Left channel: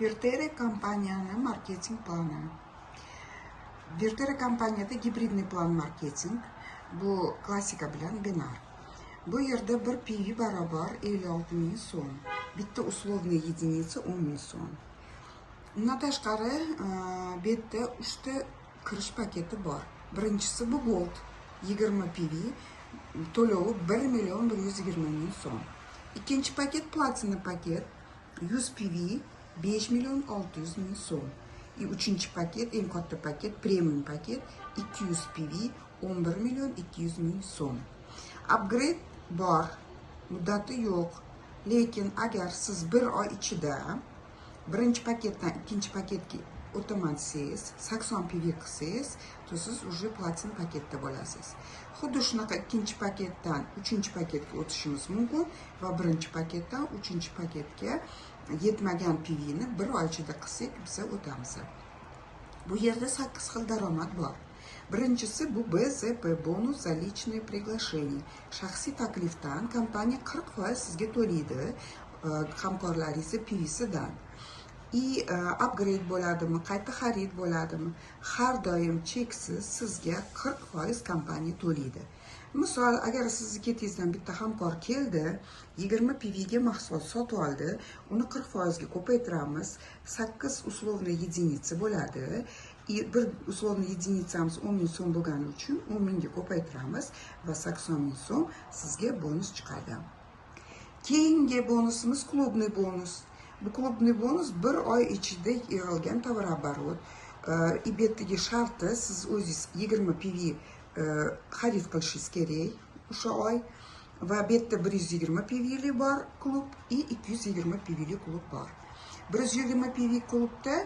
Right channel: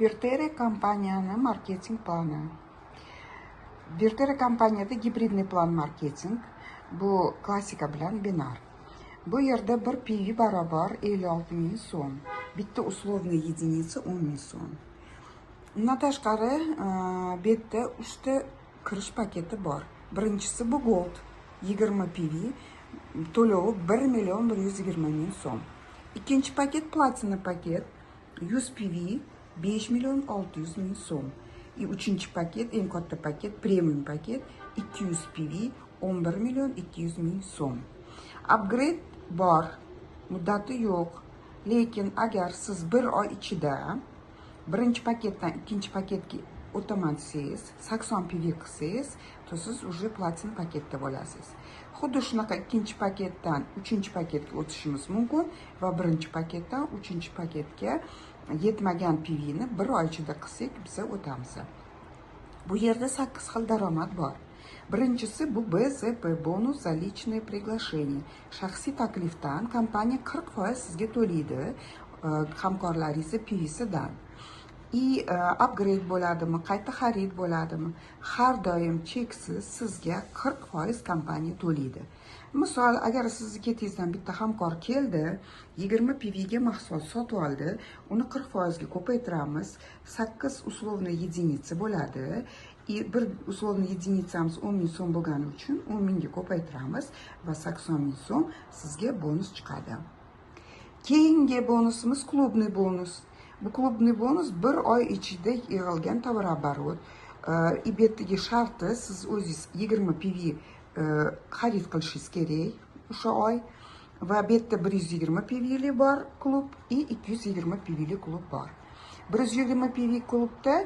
Vertere kompaniyani marketing plani. Vertere kompaniyada gibridniy plan marketing. Bu klassika bilan binar. Bu yerda bir PV barobar 56 ming so'm. Bitta uslovniy единица 10 ming so'm. Undan tashqari bu yerda 3 ta kirish paketi bor. Birinchisi bu Gold 20 PV to'lovi 1.120.000 so'm. Ikkinchi paket Platina paket 100 PV 5.600.000 so'm. Uchinchi paket eng katta paket Premium paket 200 PV 11.200.000 so'm. Upgrade bor, muddati yo'q. Lekin agar siz bir oy ichida birinchi paketdan ikkinchi paketga o'taman desangiz, 80 PV qilsangiz, to siz уже platin paketda bo'lasiz. Xuddi shunaqa ikkinchi paketdan uchinchi paketga o'tishimiz mumkin va birinchi paketdan uchinchi paketga yetmagan PV ni bir oy ichida qilsak, biz o'tamiz. Bu yerda 8 xil daromad bor. Birinchisi bu BZP bonus za личное приглашение. Shaxsiy taklifdan kompaniya 40% sizga to'laydi, hamkorlaringiz PVsidan. Upgrade bo'ladimi, qayta xarid bo'ladimi, har doim cheksiz sizga 40% kompaniya to'laydi. Misol, agar sizni ketingizdan bitta hamkor keldi, 20 PV ga mahsulot sotib oldi, uni 40% ga ko'paytiramiz, 8 uslovniy единица bo'ladi. Bir uslovniy единицamiz 10 ming so'm bo'lgani uchun 10 mingga ko'paytiramiz va 80 ming so'm sizga bonus chiqadi. Keyingi bonusimiz klubniy bonus. Bu klubniy bonus bir oy ichida yig'ilgan tovar-оборот. Bu yerdagi sharti siz o'zingiz 20 PV xarid qilishingiz kerak o'sha oy va bu yerda 120 PV li bor klub va 220 PV li klub bor. 120 PV klubda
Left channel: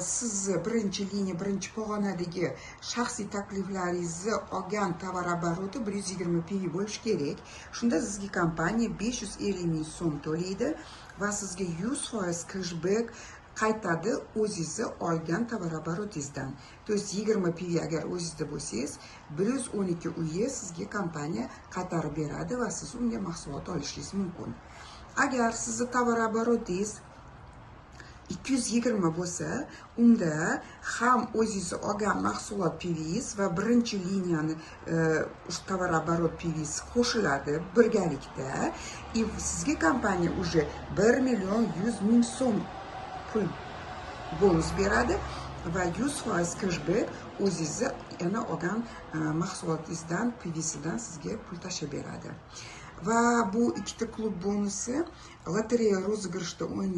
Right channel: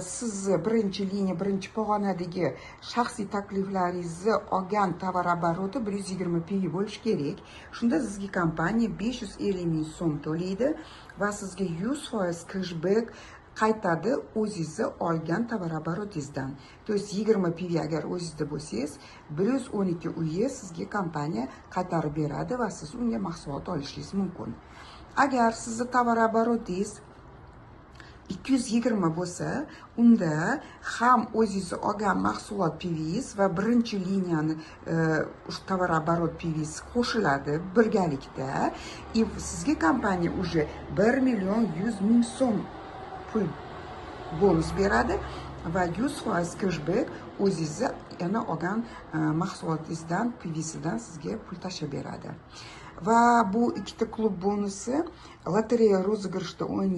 siz birinchi liniya, birinchi pog'onadagi shaxsiy takliflaringizni olgan tovar-обороти 120 PV bo'lishi kerak. Shunda sizga kompaniya 550 ming so'm to'laydi va sizga 100% cashback qaytadi o'zingizni olgan tovar-обороtingizdan. То есть 20 PV agar o'zingizda bo'lsangiz, 112 uyi sizga kompaniya qaytarib beradi va siz unga mahsulot olishingiz mumkin. Agar sizni tovar-обороtingiz 220 bo'lsa, unda ham o'zingiz olgan mahsulot PVs va birinchi liniyani tovar-оборот PVs qo'shiladi birgalikda. Sizga kompaniya уже 1.100.000 so'm pul bonus beradi va 100% cashback o'zingiz yana olgan mahsulotingizdan, PVsidan sizga pul tashlab beradi. Va bu ikkita klub bonusi lotereya rozыгрышida